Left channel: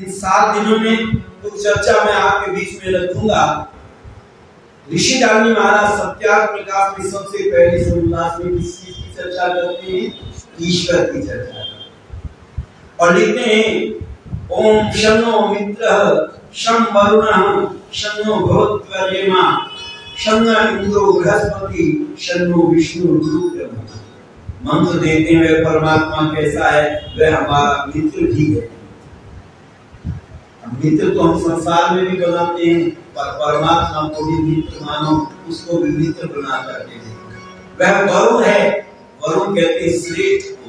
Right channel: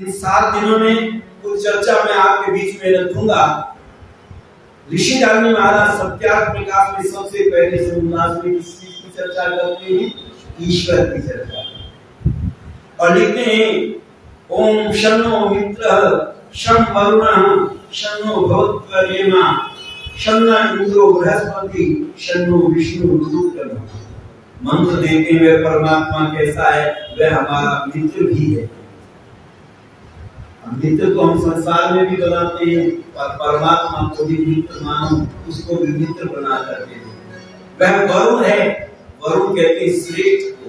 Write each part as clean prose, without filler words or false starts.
इन 7 दिनों में कुछ चर्चा मैं आपके बीच में रखूंगा। ऋषि दानी महाराज सत्यार्थ प्रकाश में सबसे पहले से उल्लास में किस चीज की चर्चा करते हैं? ईश्वर की चर्चा और लिखते हैं ओम शन्नो मित्रः शं वरुणः शन्नो भवत्वरेमा शन्नो इंद्रो बृहस्पति शन्नो विष्णु गुरुब्रह्मा। मंत्र देते हैं वह परमात्मा कैसा है? वह हमारा मित्र भी है। मित्र तो हम संसार में भी बनाते हैं, पर परमात्मा को भी मित्र मानो, उसको भी मित्र बना करके दे। वह वरुण है, वरुण कहते हैं श्रेष्ठ को।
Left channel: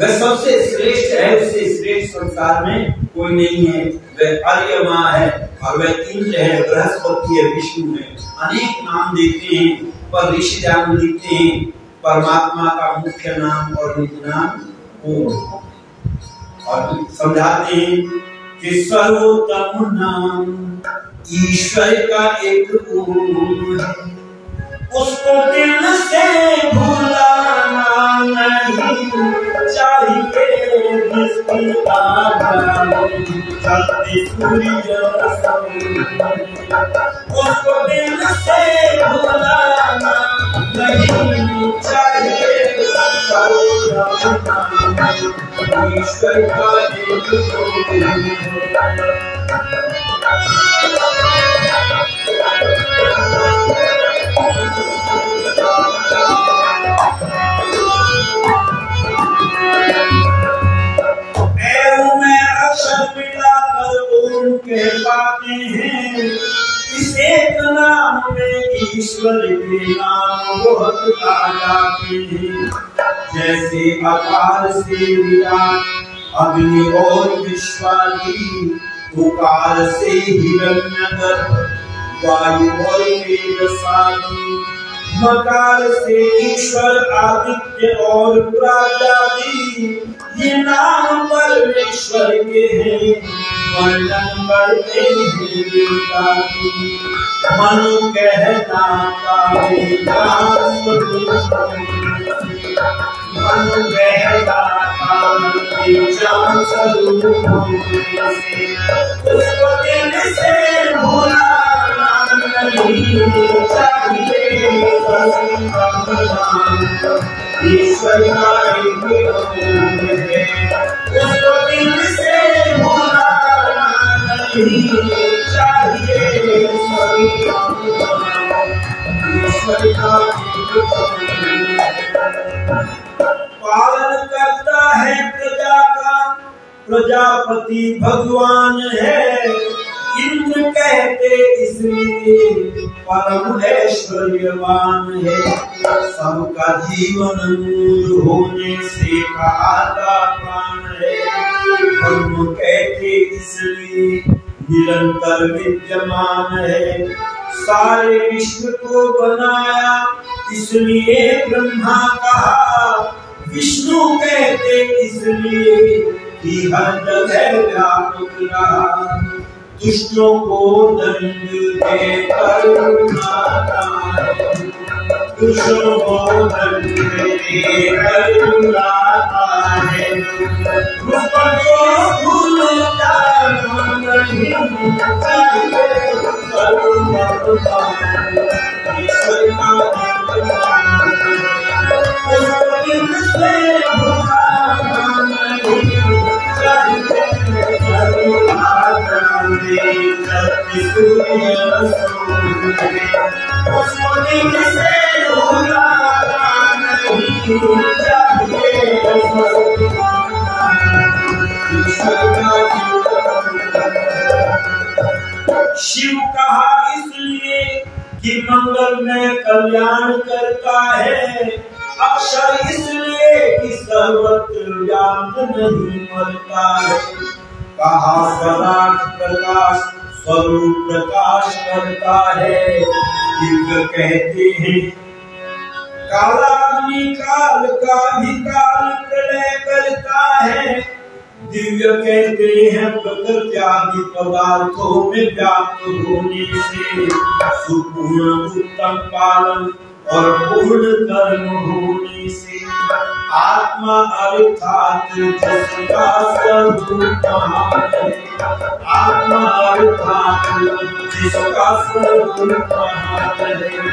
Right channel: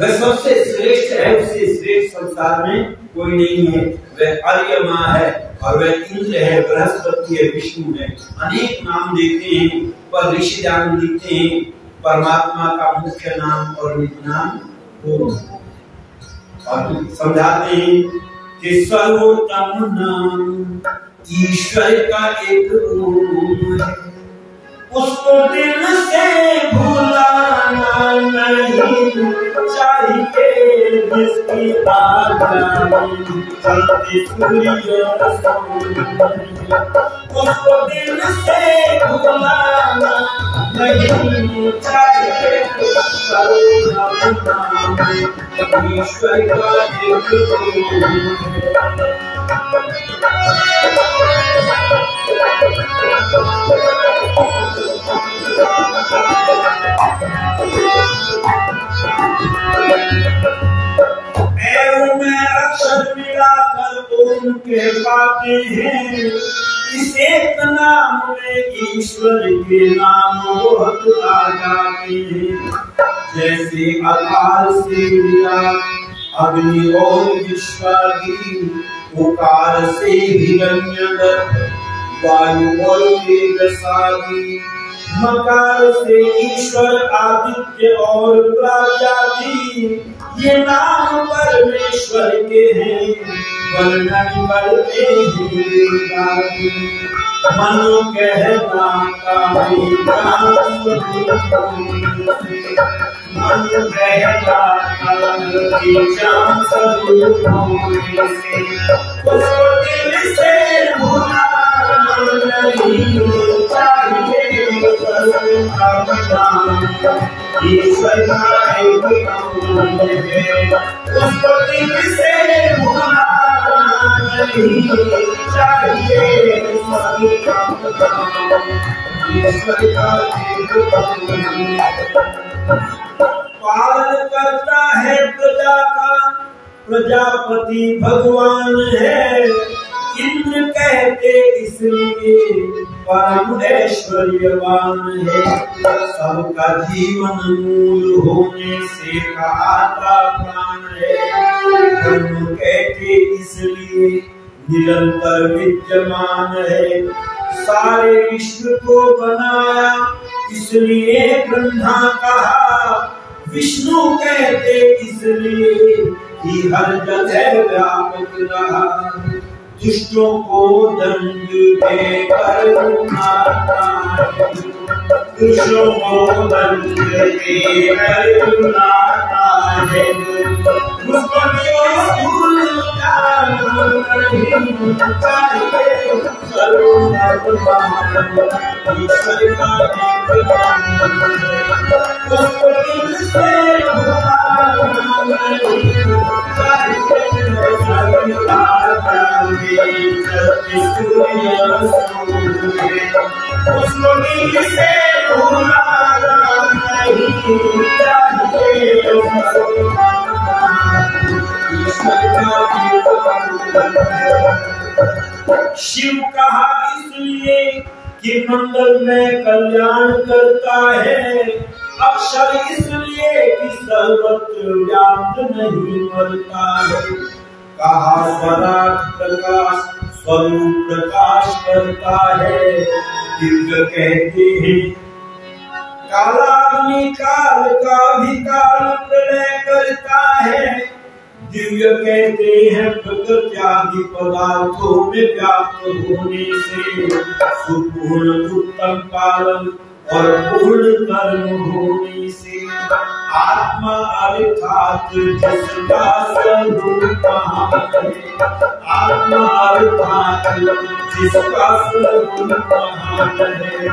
वह सबसे श्रेष्ठ है, उससे श्रेष्ठ संसार में कोई नहीं है। वह अर्यमा है और वह इंद्र है, बृहस्पति है, विष्णु है। अनेक नाम देते हैं, पर ऋषि दान लिखते हैं परमात्मा का मुख्य नाम और निज नाम ओम। और समझाते हैं कि सर्वोत्तम नाम ईश्वर का एक ओम है, उसको दिल से भुलाना नहीं चाहिए। जिसकी आज्ञा चलते सूर्य उसको दिल से भुलाना नहीं चाहिए। ईश्वर का एक ओम के पाते हैं। इस एक नाम में ईश्वर के नाम बहुत आ जाते हैं। जैसे आकार से विराट, अग्नि और विश्वादी, ओकार से हिरण्यगर्भ, वायु और तेजसादी, मकार से ईश्वर आदित्य और प्रजापति। ये नाम परमेश्वर के हैं, वर्णन करते हैं। मनो कहता मनो कहता उसको दिल से भुलाना नहीं चाहिए। ईश्वर का एक नाम है, उसको दिल से भुलाना नहीं चाहिए। ईश्वर का एक पालन करता है प्रजा का, प्रजापति भगवान है। इंद्र कहते इसलिए परम ऐश्वर्यवान है। सबका जीवन मूल होने से कहता प्राण है। ब्रह्म कहते इसलिए निरंतर विद्यमान है। सारे विश्व को बनाया इसलिए ब्रह्मा कहा। विष्णु कहते इसलिए कि हर जगह व्यापक रहा। दुष्टों को दंड देकर रुलाता है, दुष्टों को दंड देकर रुलाता है। उसको भूल जाना नहीं चाहिए। ईश्वर का उसको दिल से भुलाना नहीं चाहिए। उसको दिल से भुलाना नहीं चाहिए। शिव कहा इसलिए कि मंगल में कल्याण करता है। अक्षर इसलिए कि सर्वत्र व्याप्त नहीं मरता है। कहा स्वराट प्रकाश स्वरूप प्रकाश करता है। दिव्य कहते हैं कालाग्नि काल का भी काल प्रलय करता है। दिव्य कहते हैं प्रकृति आदि पदार्थों में व्याप्त होने से सुपूर्ण उत्तम पालन और पूर्ण कर्म होने से आत्मा अर्थात जिसका स्वरूप महान है, आत्मा अर्थात जिसका स्वरूप महान है,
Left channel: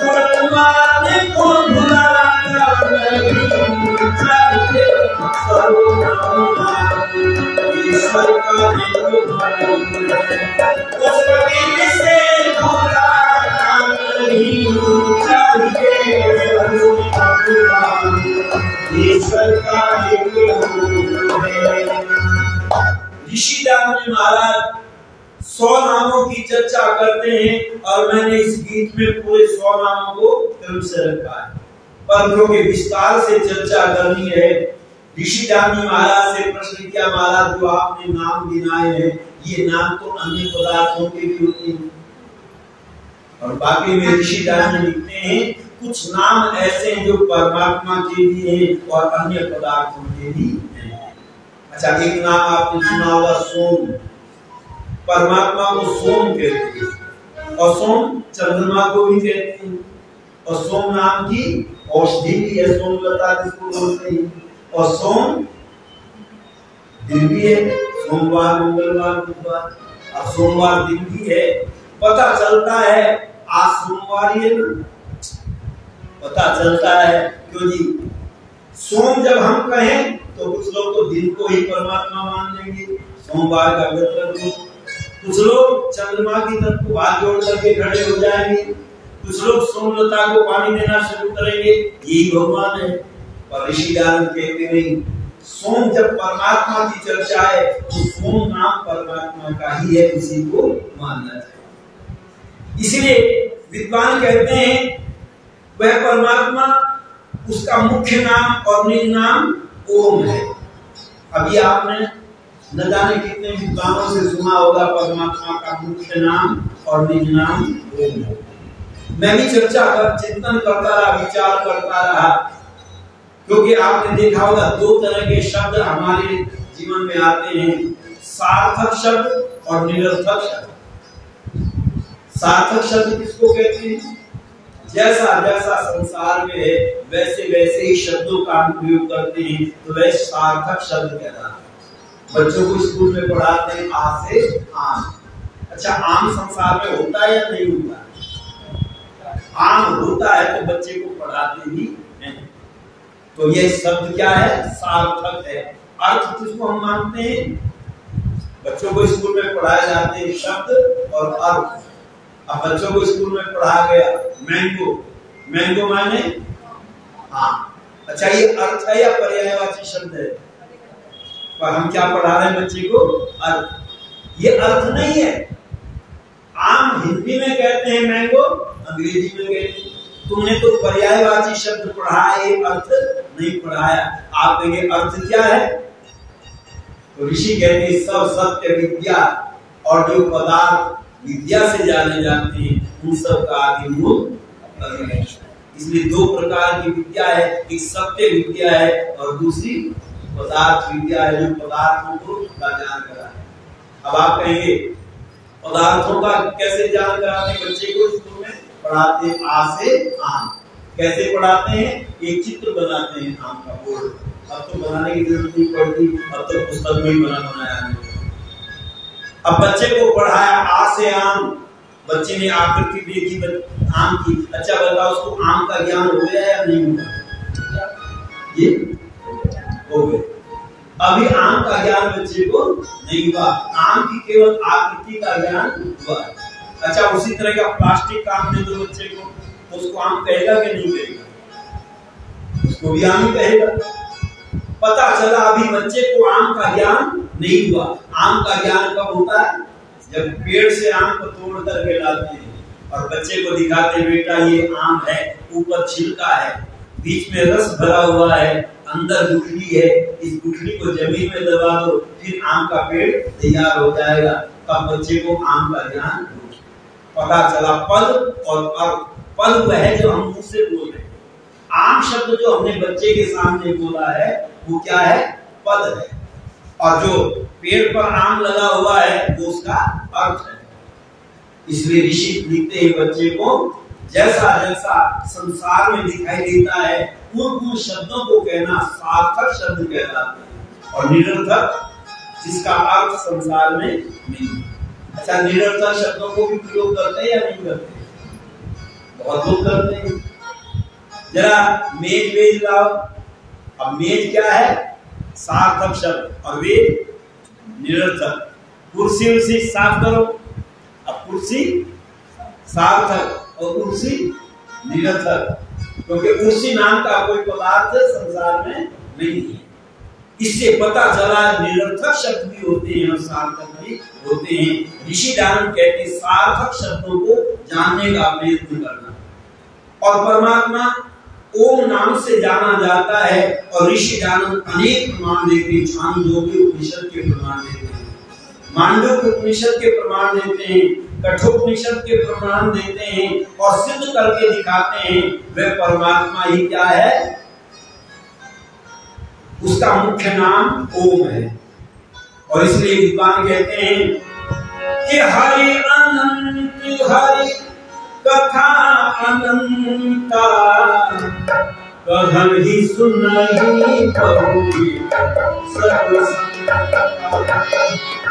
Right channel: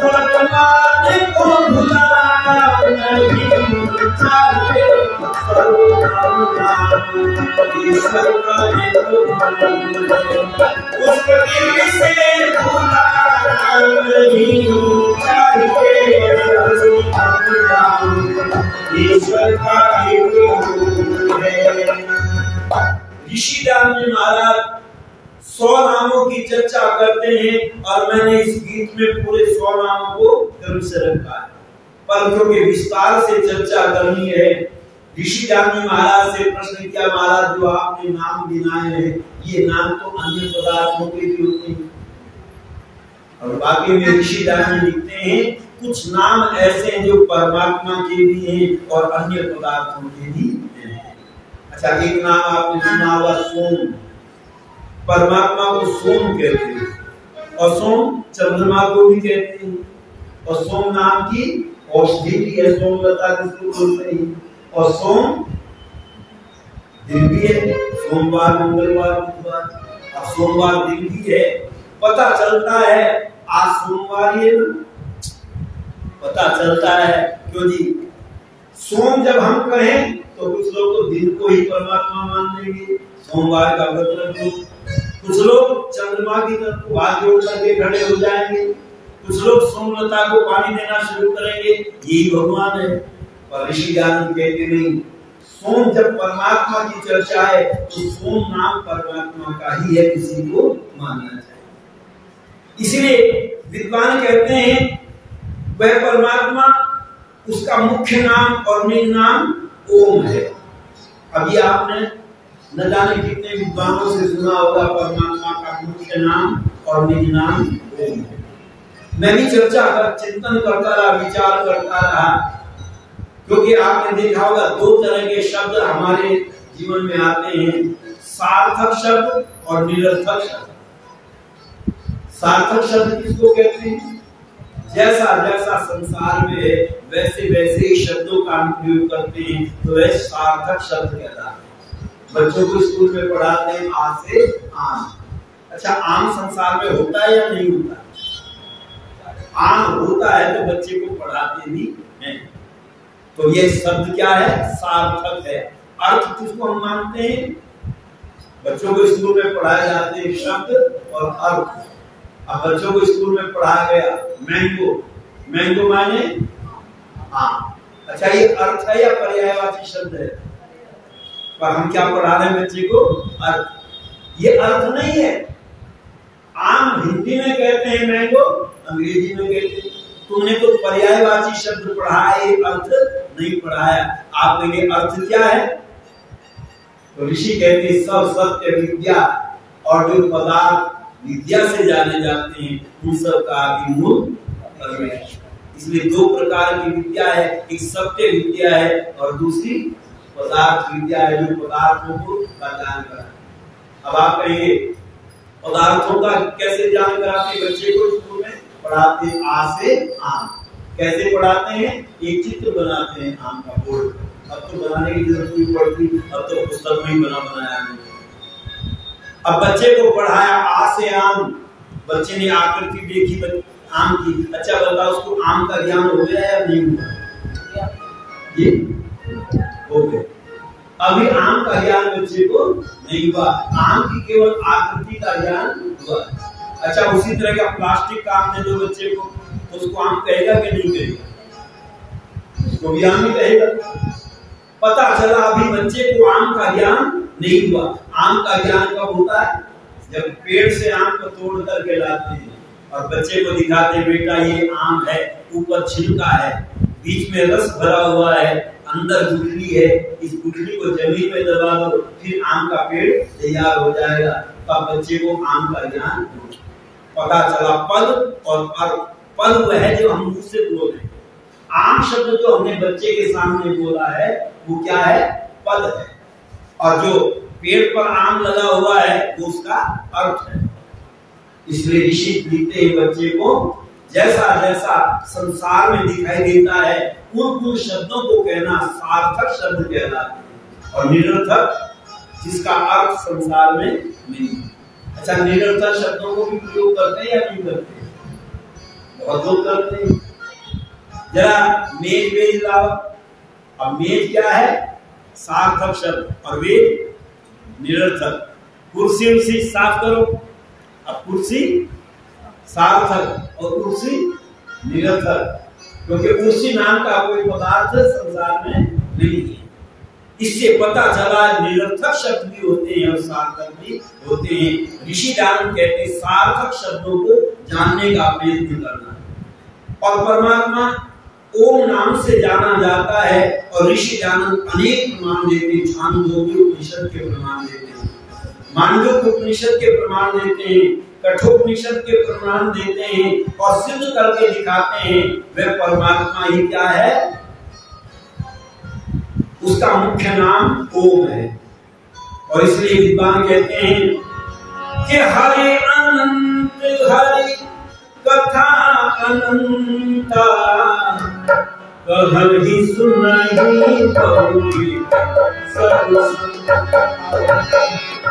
वर्तमान को भुलाना नहीं चाहिए, सर्वनाम ईश्वर का एक गुण है, उसके से भुलाना नहीं चाहिए, सर्वनाम ईश्वर का एक गुण है। ऋषि दान जी महाराज 100 नामों की चर्चा करते हैं और मैंने इस गीत में पूरे 100 नामों को क्रम से रखा है, पर क्योंकि विस्तार से चर्चा करनी है, ऋषि दान जी महाराज से प्रश्न किया, महाराज जो आपने नाम गिनाए हैं ये नाम तो अन्य पदार्थों के भी होते हैं, और बाकी में ऋषि दान जी लिखते हैं कुछ नाम ऐसे हैं जो परमात्मा के भी हैं और अन्य पदार्थों के भी हैं। अच्छा, एक नाम आपने सुना होगा सोम, परमात्मा को सोम कहते हैं और सोम चंद्रमा को भी कहते हैं, और सोम नाम की औषधि भी है, सोमलता जिसको बोलते हैं, और सोम दिन भी है, सोमवार मंगलवार बुधवार, अब सोमवार दिन भी है, पता चलता है आज सोमवार ही है ना, पता चलता है क्यों जी, सोम जब हम कहें तो कुछ लोग तो दिन को ही परमात्मा मान लेंगे, सोमवार का व्रत रखो, कुछ लोग चंद्रमा की तरफ को हाथ जोड़ करके खड़े हो जाएंगे, कुछ लोग सोमलता को पानी देना शुरू करेंगे, यही भगवान है। पर ऋषि दान कहते नहीं, सोम जब परमात्मा की चर्चा है तो सोम नाम परमात्मा का ही है, उसी को मानना चाहिए। इसलिए विद्वान कहते हैं वह परमात्मा, उसका मुख्य नाम और निज नाम ओम है। अभी आपने न जाने कितने विद्वानों से सुना होगा परमात्मा का मुख्य नाम और निज नाम ओम है। मैं भी चर्चा कर चिंतन करता रहा, विचार करता रहा, क्योंकि आपने देखा होगा 2 तरह के शब्द हमारे जीवन में आते हैं, सार्थक शब्द और निरर्थक शब्द। सार्थक शब्द किसको कहते हैं? जैसा जैसा संसार में है वैसे वैसे ही शब्दों का हम प्रयोग करते हैं, तो वह सार्थक शब्द कहलाता है। बच्चों को स्कूल में पढ़ाते हैं आ से आम। अच्छा, आम संसार में होता है या नहीं होता? आम होता है तो बच्चे को पढ़ाते भी हैं। तो यह शब्द क्या है? सार्थक है। अर्थ किसको हम मानते हैं? बच्चों को स्कूल में पढ़ाए जाते हैं शब्द और अर्थ। अब बच्चों को स्कूल में पढ़ाया गया मैंगो, मैंगो माने आम। अच्छा, ये अर्थ है या पर्यायवाची शब्द है? पर हम क्या पढ़ा रहे हैं बच्चे को? अर्थ। ये अर्थ नहीं है। आम हिंदी में कहते हैं, मैंगो अंग्रेजी में कहते हैं। तुमने तो पर्यायवाची शब्द पढ़ा है, ये अर्थ नहीं पढ़ाया। आप कहेंगे अर्थ क्या है? तो ऋषि कहते हैं सब सत्य विद्या और जो पदार्थ विद्या से जाने जाते हैं उन सब का आदि मूल परमेश्वर। इसलिए 2 प्रकार की विद्या है, एक सत्य विद्या है और दूसरी पदार्थ विद्या है, जो पदार्थों को ज्ञान कराते। अब आप कहेंगे पदार्थों का कैसे ज्ञान कराते हैं? बच्चे को स्कूल में पढ़ाते हैं आ से आम। कैसे पढ़ाते हैं? एक चित्र बनाते हैं आम का बोर्ड। अब तो बनाने की जरूरत नहीं पड़ती, अब तो पुस्तक में ही बनाया है। अब बच्चे को पढ़ाया आ से आम, बच्चे ने आकृति देखी आम की। अच्छा बताओ, उसको आम का ज्ञान हो गया या नहीं हुआ? ये हो गया। अभी आम का ज्ञान बच्चे को नहीं हुआ, आम की केवल आकृति का ज्ञान हुआ। अच्छा, उसी तरह का प्लास्टिक का आम दे दो बच्चे को, तो उसको आम कहेगा कि नहीं कहेगा? उसको भी आम ही कहेगा। पता चला अभी बच्चे को आम का ज्ञान नहीं हुआ। आम का ज्ञान कब होता है? जब पेड़ से आम को तोड़ करके लाते हैं और बच्चे को दिखाते हैं, बेटा ये आम है, ऊपर छिलका है, बीच में रस भरा हुआ है, अंदर गुठली है, इस गुठली को जमीन में दबा दो, फिर आम का पेड़ तैयार हो जाएगा। तब बच्चे को आम का ज्ञान पता चला। पद और अर्थ। पद वह है जो हम मुंह से बोल रहे हैं। आम शब्द जो हमने बच्चे के सामने बोला है वो क्या है? पद है। और जो पेड़ पर आम लगा हुआ है वो उसका अर्थ है। इसलिए ऋषि लिखते हैं बच्चे को जैसा जैसा संसार में दिखाई देता है उन शब्दों को कहना सार्थक शब्द कहलाते हैं, और निरर्थक जिसका अर्थ संसार में नहीं। अच्छा, निरर्थक शब्दों को भी प्रयोग करते हैं या नहीं करते? बहुत लोग करते हैं। जरा मेज वेज लाओ। अब मेज क्या है? सार्थक शब्द, और वेज निरर्थक। कुर्सी उर्सी साफ करो। अब कुर्सी सार्थक और कुर्सी निरर्थक, क्योंकि कुर्सी नाम का कोई पदार्थ संसार में नहीं है। इससे पता चला निरर्थक शब्द भी होते हैं और सार्थक भी होते हैं। ऋषि दानव कहते हैं सार्थक शब्दों को जानने का प्रयत्न करना। और परमात्मा ओम नाम से जाना जाता है, और ऋषि दानव अनेक प्रमाण देते हैं। छांदोग्य उपनिषद के प्रमाण देते हैं, मांडव्य उपनिषद के प्रमाण देते हैं, कठोपनिषद के प्रमाण देते हैं, और सिद्ध करके दिखाते हैं वह परमात्मा ही क्या है? उसका मुख्य नाम ओम है। और इसलिए विद्वान कहते हैं कि हरि अनंत हरि कथा अनंता, कहहि सुनहि बहुरी सब संता,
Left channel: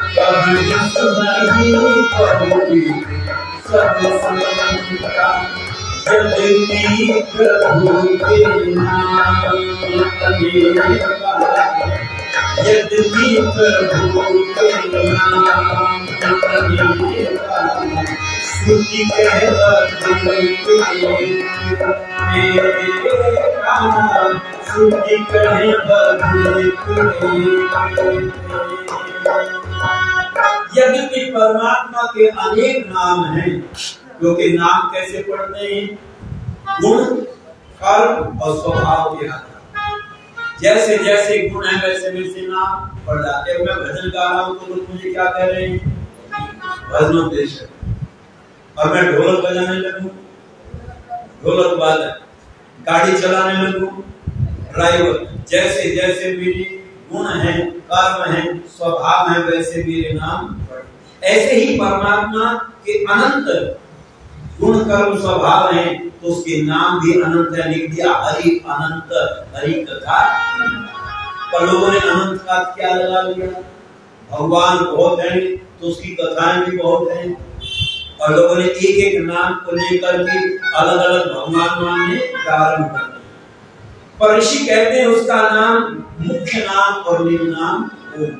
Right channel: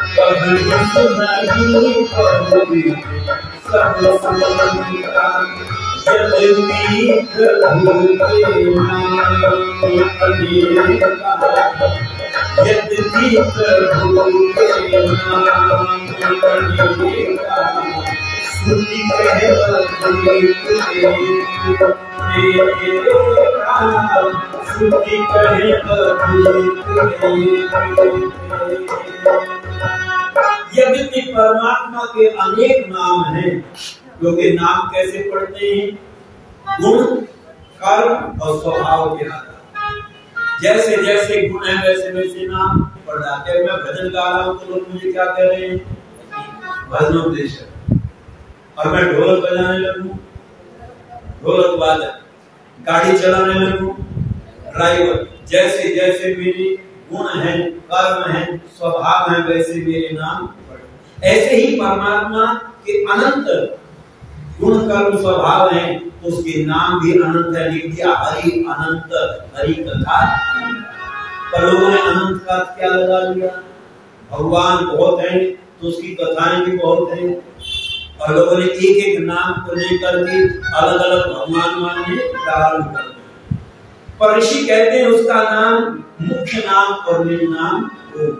कहहि सुनहि बहुरी सब संता, यद्यपि प्रभु के नाम अनेका, यद्यपि प्रभु के नाम अनेका, श्रुति कहत श्रुति कहत। यद्यपि परमात्मा के अनेक नाम हैं, क्योंकि नाम कैसे पढ़ते हैं? गुण, कर्म और स्वभाव के आधार। जैसे जैसे गुण है वैसे वैसे नाम पढ़ जाते हैं। मैं भजन गा रहा हूँ तो लोग मुझे क्या कह रहे हैं? भजनोपदेशक। और मैं ढोलक बजाने लगूं, ढोलक वादक। गाड़ी चलाने लगूं, ड्राइवर। जैसे जैसे मेरे गुण हैं, कर्म हैं, स्वभाव हैं, वैसे मेरे नाम पढ़। ऐसे ही परमात्मा के अनंत गुण कर्म स्वभाव है, तो उसके नाम भी अनंत है। लिख दिया हरि अनंत, हरि कथा। पर लोगों ने अनंत का क्या लगा लिया? भगवान बहुत हैं तो उसकी कथाएं भी बहुत हैं, और लोगों ने एक एक नाम को लेकर के अलग अलग भगवान मानने प्रारंभ कर दिया। पर ऋषि कहते हैं उसका नाम मुख्य नाम और निज नाम ओम।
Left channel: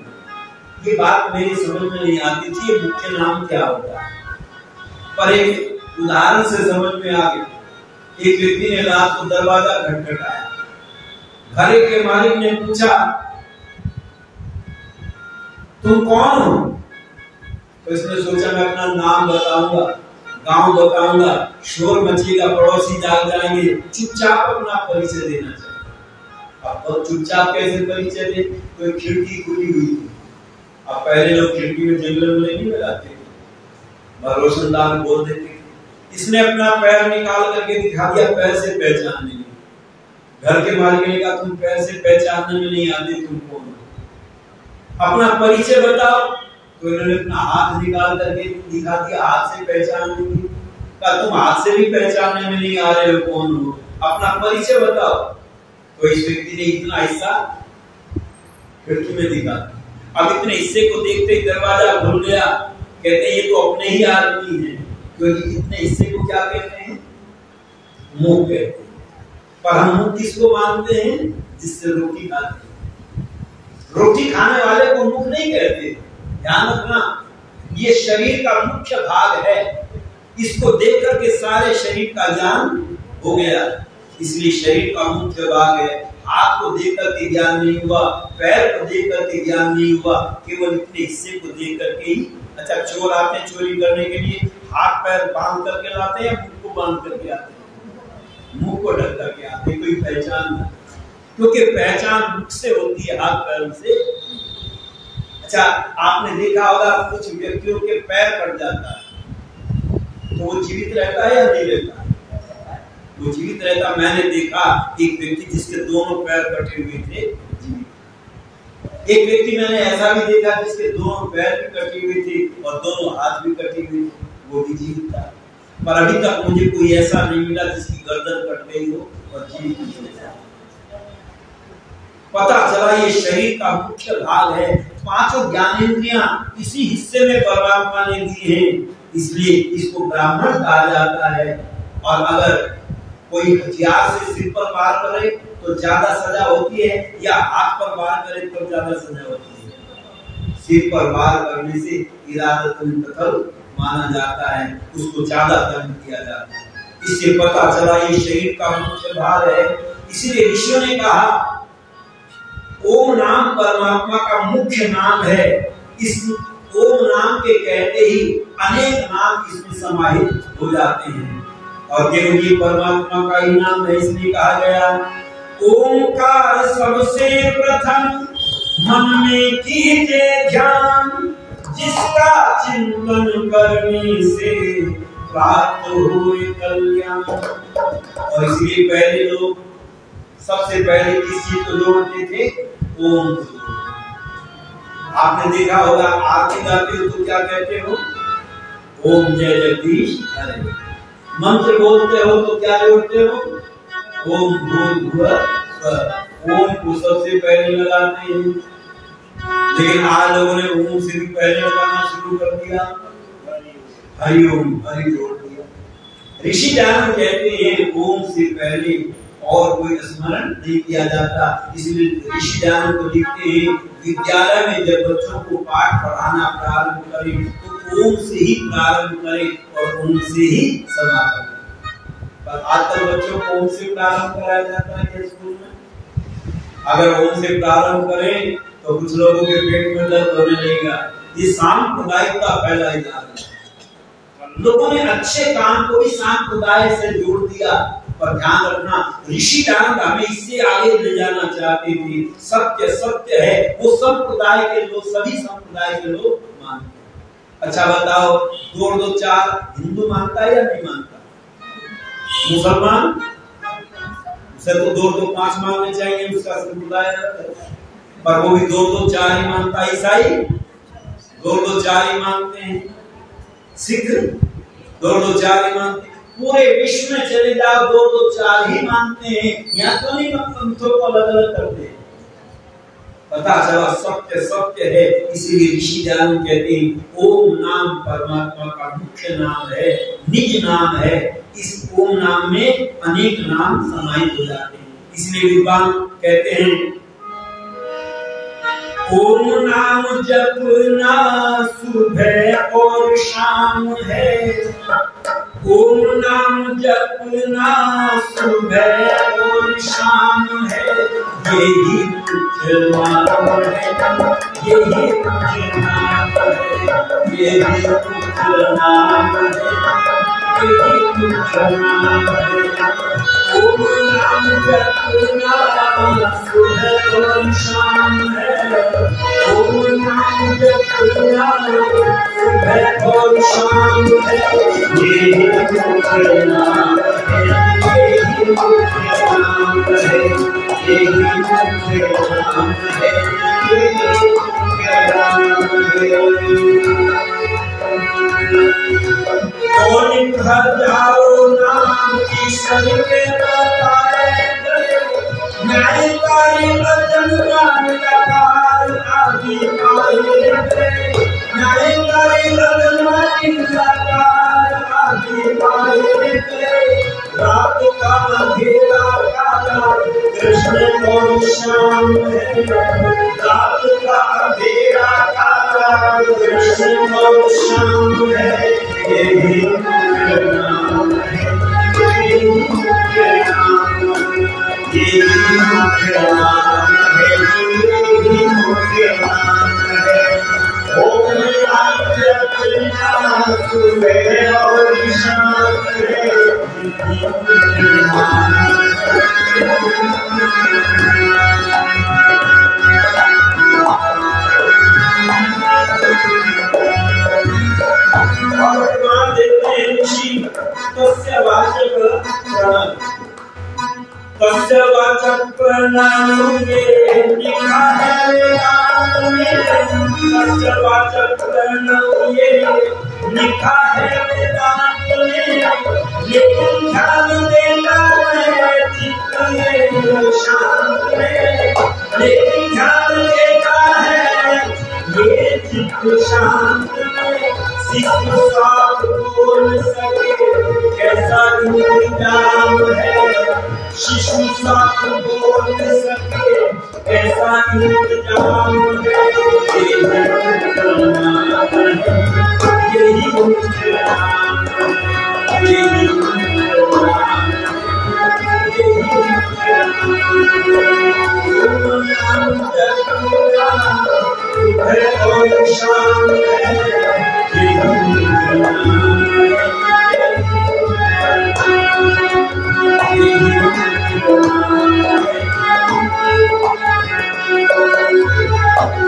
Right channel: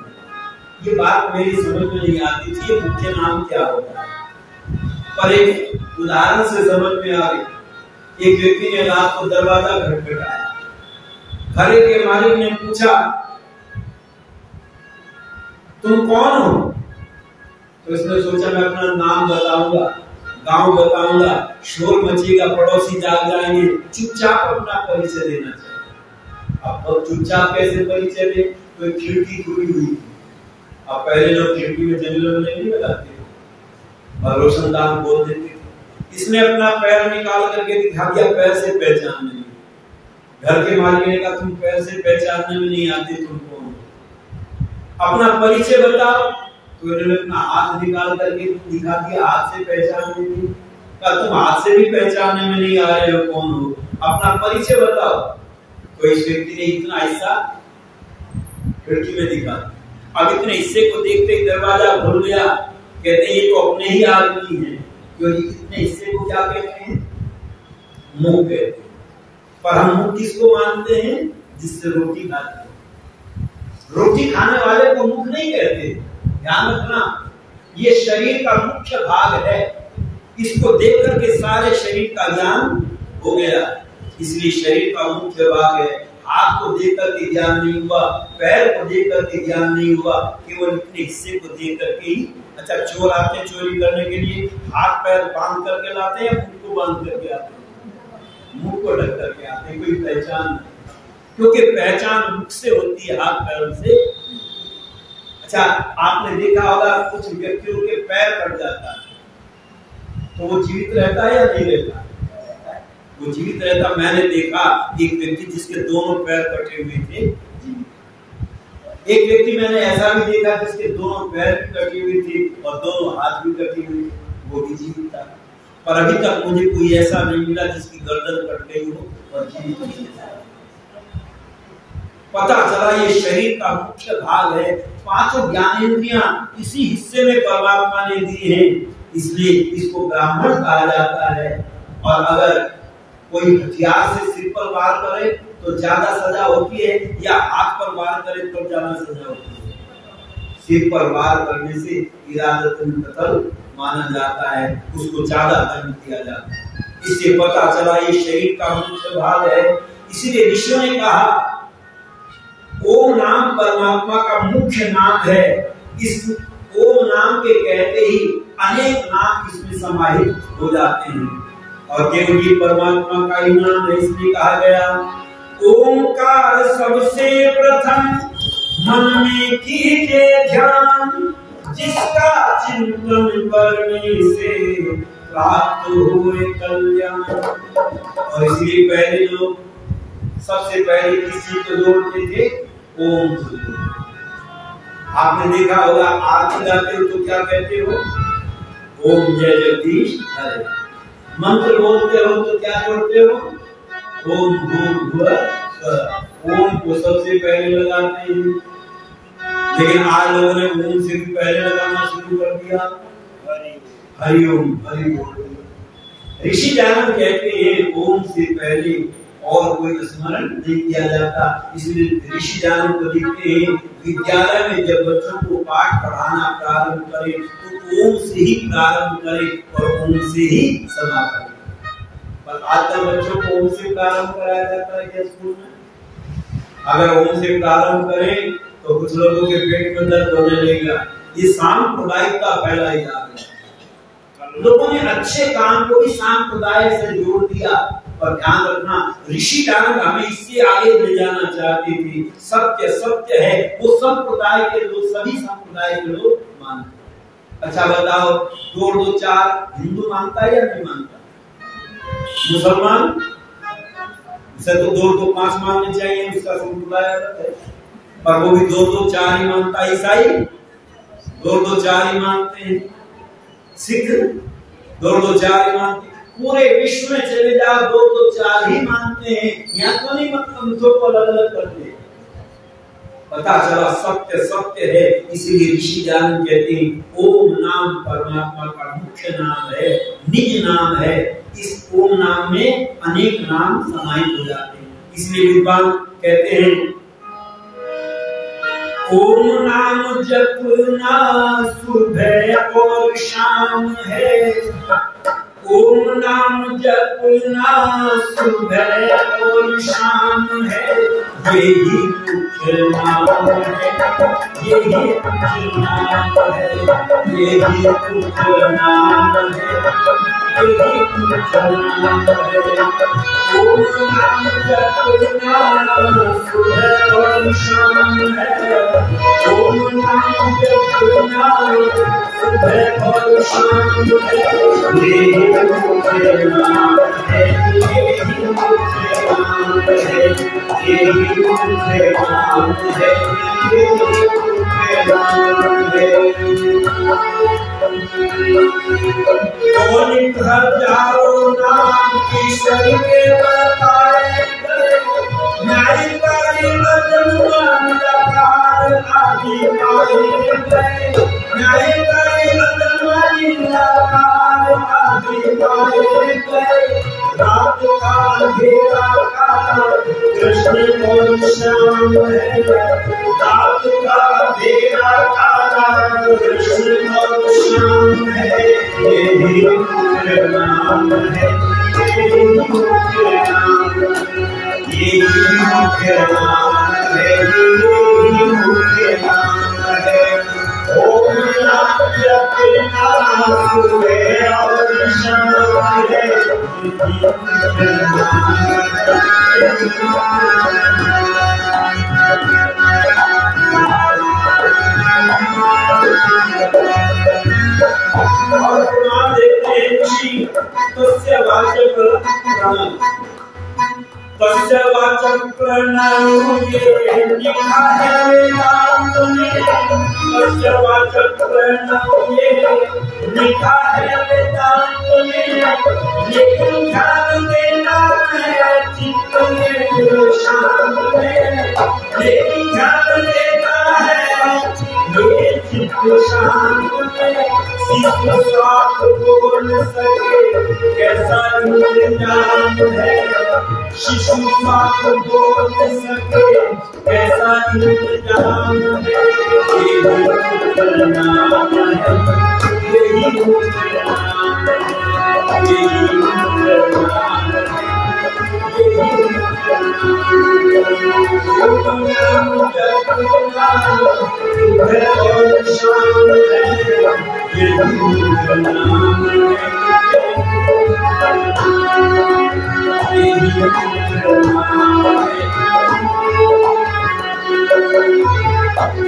ये बात मेरी समझ में नहीं आती थी, ये मुख्य नाम क्या होता है। पर एक उदाहरण से समझ में आ गई। एक व्यक्ति ने रात को दरवाजा खटखटाया। घरे के मालिक ने पूछा, तुम कौन हो? तो इसने सोचा मैं अपना नाम बताऊंगा, गांव बताऊंगा, शोर मचेगा, पड़ोसी जाग जाएंगे, चुपचाप अपना परिचय देना चाहिए। अब चुपचाप कैसे परिचय दे? तो एक खिड़की खुली हुई थी। अब पहले लोग खिड़की में जंगल में नहीं लगाते थे, रोशनदान बोल देते थे। इसने अपना पैर निकाल करके दिखा दिया, पैर से पहचानने में। घर के मालिक ने कहा तुम पैर से पहचानने में नहीं आते, तुम कौन हो? अपना परिचय बताओ। तो इन्होंने अपना हाथ निकाल करके दिखा दिया, हाथ से पहचानने में। कहा तुम हाथ से भी पहचानने में नहीं आ रहे हो, कौन हो? अपना परिचय बताओ। तो इस व्यक्ति ने इतना हिस्सा खिड़की में दिखा। अब इतने हिस्से को देखते ही दरवाजा खुल गया। कहते हैं ये तो अपने ही आदमी है, क्योंकि इतने हिस्से को क्या कहते हैं? मुंह कहते हैं। पर हम मुंह किसको मानते हैं? जिससे रोटी खाते हैं। रोटी खाने वाले को मुंह नहीं कहते। ध्यान रखना, ये शरीर का मुख्य भाग है। इसको देख करके सारे शरीर का ज्ञान हो गया, इसलिए शरीर का मुख्य भाग है। हाथ को देख करके ज्ञान नहीं हुआ, पैर को देख करके ज्ञान नहीं हुआ, केवल इतने हिस्से को देख करके ही। अच्छा, चोर आते हैं चोरी करने के लिए, हाथ पैर बांध करके लाते हैं या मुंह को बांध करके आते हैं? मुंह को ढक करके आते हैं। कोई पहचान नहीं, क्योंकि पहचान मुख से होती है, हाथ पैरों से। अच्छा, आपने देखा होगा कुछ व्यक्तियों के पैर कट जाता है तो वो जीवित रहता है या नहीं रहता? वो जीवित रहता। मैंने देखा एक व्यक्ति जिसके दोनों पैर कटे हुए थे, जीवित। एक व्यक्ति मैंने ऐसा भी देखा जिसके दोनों पैर भी कटी हुई थी और दोनों हाथ भी कटी हुई थी, वो भी जीवित था। पर अभी तक मुझे कोई ऐसा नहीं मिला जिसकी गर्दन कट गई हो और जीवित नहीं है। पता चला ये शरीर का मुख्य भाग है। पांचों ज्ञानेंद्रियां इसी हिस्से में परमात्मा ने दी हैं, इसलिए इसको ब्राह्मण कहा जाता है। और अगर कोई हथियार से सिर पर वार करे तो ज्यादा सजा होती है, या हाथ पर वार करे तो ज्यादा सजा होती है। सिर पर वार करने से इरादतन कत्ल माना जाता है, उसको ज्यादा दंड दिया जाता है। इससे पता चला ये शरीर का मुख्य भाग है। इसीलिए ऋषियों ने कहा ओम नाम परमात्मा का मुख्य नाम है। इस ओम नाम के कहते ही अनेक नाम इसमें समाहित हो जाते हैं, और केवल ये परमात्मा का ही नाम है, इसलिए कहा गया ओंकार सबसे प्रथम मन में कीजिए ध्यान, जिसका चिंतन करने से प्राप्त हुए कल्याण। और इसलिए पहले लोग सबसे पहले किस चीज को जोड़ते थे? ओम को। आपने देखा होगा आरती गाते हो तो क्या कहते हो? ओम जय जगदीश हरे। मंत्र बोलते हो तो क्या जोड़ते हो? ओम भूर्भुवः स्वः। ओम को सबसे पहले लगाते हैं, लेकिन आज लोगों ने ओम से भी पहले लगाना शुरू कर दिया, हरिओम हरि बोल दिया। ऋषि जानन कहते हैं ओम से पहले और कोई स्मरण नहीं किया जाता। इसलिए ऋषि जानन को लिखते हैं विद्यालय में जब बच्चों को पाठ पढ़ाना प्रारंभ करें तो ओम से ही प्रारंभ करें और ओम से ही समापन करें। पर आजकल बच्चों को ओम से प्रारंभ कराया जाता है क्या स्कूल में? अगर ओम से प्रारंभ करें तो कुछ लोगों के पेट में दर्द होने लगेगा। ये सांप्रदायिकता फैलाई जा रही है। लोगों ने अच्छे काम को भी सांप्रदाय से जोड़ दिया। पर ध्यान रखना, ऋषि जानन हमें इससे आगे ले जाना चाहते थे। सत्य सत्य है, वो संप्रदाय के लोग, सभी संप्रदाय के लोग मानते। अच्छा बताओ, 2 और 2 4 हिंदू मानता है या नहीं मानता? मुसलमान उसे तो 2 और 2 5 मानने चाहिए, उसका संप्रदाय अलग है, पर वो भी 2 और 2 4 ही मानता है। ईसाई 2 और 2 4 ही मानते हैं। सिख 2 और 2 4 ही मानते हैं। पूरे विश्व में चले जाओ 2 और 2 4 ही मानते हैं। यहाँ तो नहीं पंथों को अलग अलग करते हैं। पता चला सत्य सत्य है। इसीलिए ऋषि जानन कहते हैं ओम नाम परमात्मा का मुख्य नाम है, निज नाम है। इस ओम नाम में अनेक नाम समाहित हो जाते हैं। इसलिए विद्वान कहते हैं ओम नाम जपना सुबह और शाम है, ओम नाम जपना सुबह और शाम है, यही मुख्य नाम है, यही मुख्य नाम है, यही मुख्य नाम है, यही मुख्य नाम है। ओम नाम जपना सुबह और शाम है, ओम नाम जपना सुबह और शाम है, यही मुख्य नाम है, यही मुख्य नाम है, यही मुख्य नाम है, यही मुख्य नाम है। कौन हजारों नाम ईश्वर के बताए गए, न्यायकारी अजन्मा निराकार आदि पाए गए, न्यायकारी अजन्मा निराकार आदि पाए गए। रात का अंधेरा काला कृष्ण और श्याम है, रात का अंधेरा काला कृष्ण और श्याम है, यही मुख्य नाम है, यही मुख्य नाम है, यही मुख्य नाम है, यही मुख्य नाम है। ओम नाम जपना सुबह और शाम है, यही मुख्य नाम तस्य वाचक प्रणव, तस्य वाचक प्रणव ये लिखा है वेदांत में, तस्य वाचक प्रणव ये लिखा है वेदांत में, लेकिन ध्यान देता है चित्त में शांत में, लेकिन ध्यान देता है ये चित्त शांत में। शिष्य साथ बोल सके कैसा इंतजाम है, शिशु साथ बोल सके कैसा इंतजाम है। यही नाम है, यही नाम है, यही नाम है, यही नाम जपना है और शान है। यही नाम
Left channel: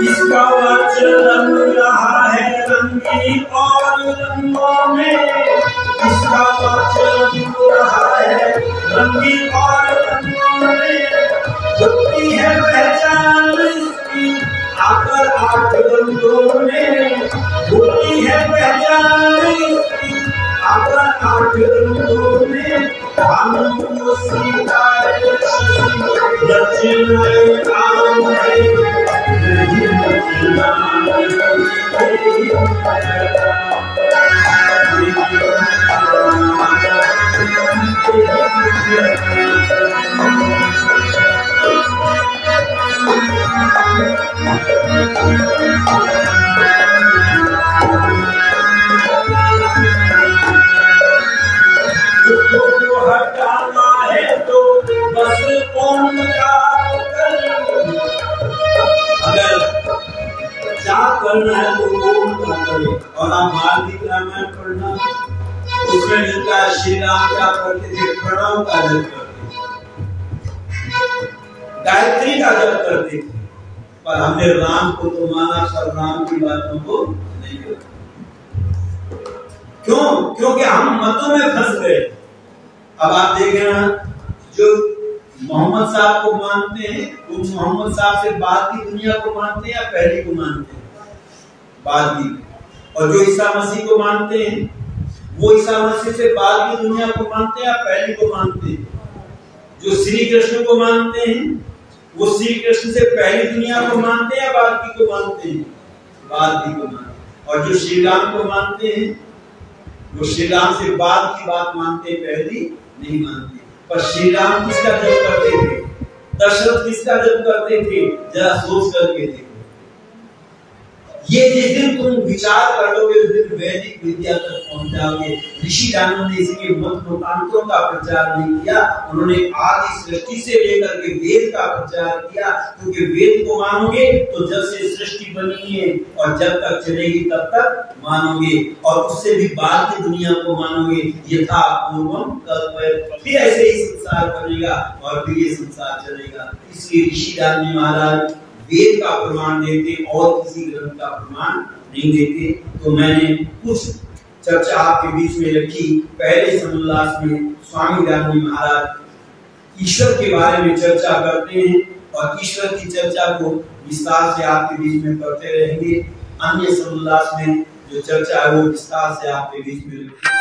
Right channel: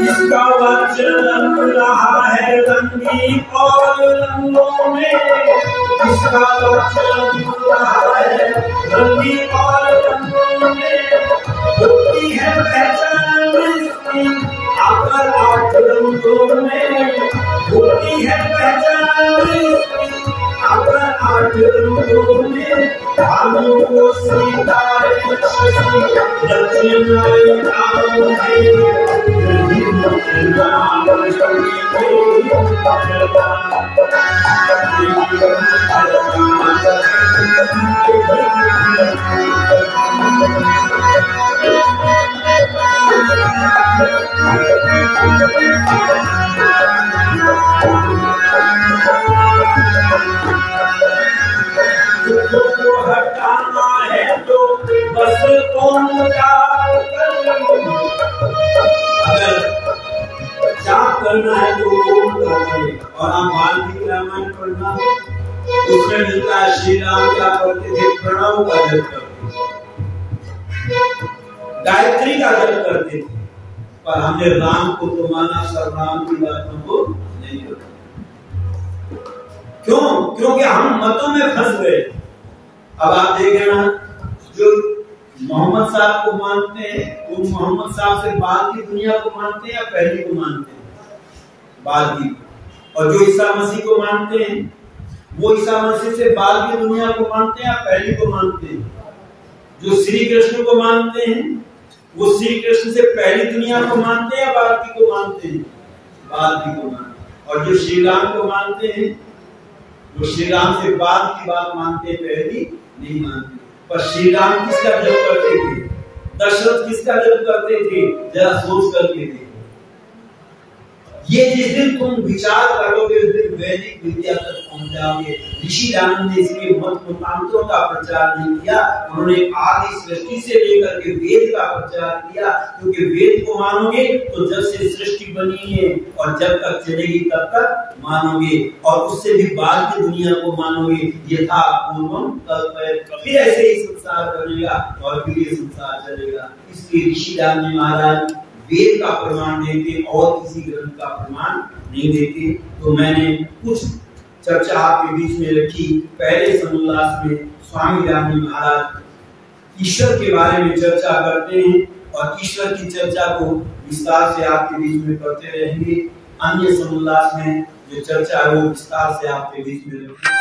इसका वचन रहा है रंगी और रंगों में, इसका वचन रहा है रंगी और रंगों में। होती है पहचान इसकी आकर 8 रंगों में, होती है पहचान इसकी आकर 8 रंगों में। भानु को सितारे शशि रचनाएं नाम है, यही नाम हटाना है तो बस कौन जाप कर, अगर जाप करना है तो ओम का करे। और आप वाल्मीकि रामायण पढ़ना, उसमें मिलता है श्री राम क्या करते थे, प्रणव का जप करते थे, गायत्री का जप करते थे। पर हमने राम को तो माना, सब राम की बातों को नहीं माना। क्यों? क्योंकि हम मतों में फंस गए। अब आप देखें ना, जो मोहम्मद साहब को मानते हैं वो मोहम्मद साहब से बाद की दुनिया को मानते हैं या पहली को मानते हैं? बाद की। और जो ईसा मसीह को मानते हैं वो ईसा मसीह से बाद की दुनिया को मानते हैं या पहली को मानते हैं? जो श्री कृष्ण को मानते हैं वो श्री कृष्ण से पहली दुनिया को मानते हैं या बाद की को मानते हैं? बाद की को मानते हैं। और जो श्री राम को मानते हैं वो श्री राम से बाद की बात मानते हैं, पहली नहीं मानते। पर श्री राम किसका जप करते थे, दशरथ किसका जप करते थे, जरा सोच करके देखो। ये जिस दिन तुम विचार कर लोगे उस दिन वैदिक विद्या तक पहुंच जाओगे। ऋषि दानव ने इसके मत मतांतरों का प्रचार नहीं किया, उन्होंने आदि सृष्टि से लेकर के वेद का प्रचार किया। क्योंकि वेद को मानोगे तो जब से सृष्टि बनी है और जब तक चलेगी तब तक मानोगे, और उससे भी बाद की दुनिया को मानोगे। यथा पूर्वम कल्पयत, फिर ऐसे ही संसार बनेगा और फिर ये संसार चलेगा। इसलिए ऋषि दानव महाराज वेद का प्रमाण देते और किसी ग्रंथ का प्रमाण नहीं देते। तो मैंने कुछ चर्चा आपके बीच में रखी। पहले समुल्लास में स्वामी रामजी महाराज ईश्वर के बारे में चर्चा करते हैं और ईश्वर की चर्चा को विस्तार से आपके बीच में करते रहेंगे। अन्य समुल्लास में जो चर्चा है वो विस्तार से आपके बीच में रखी।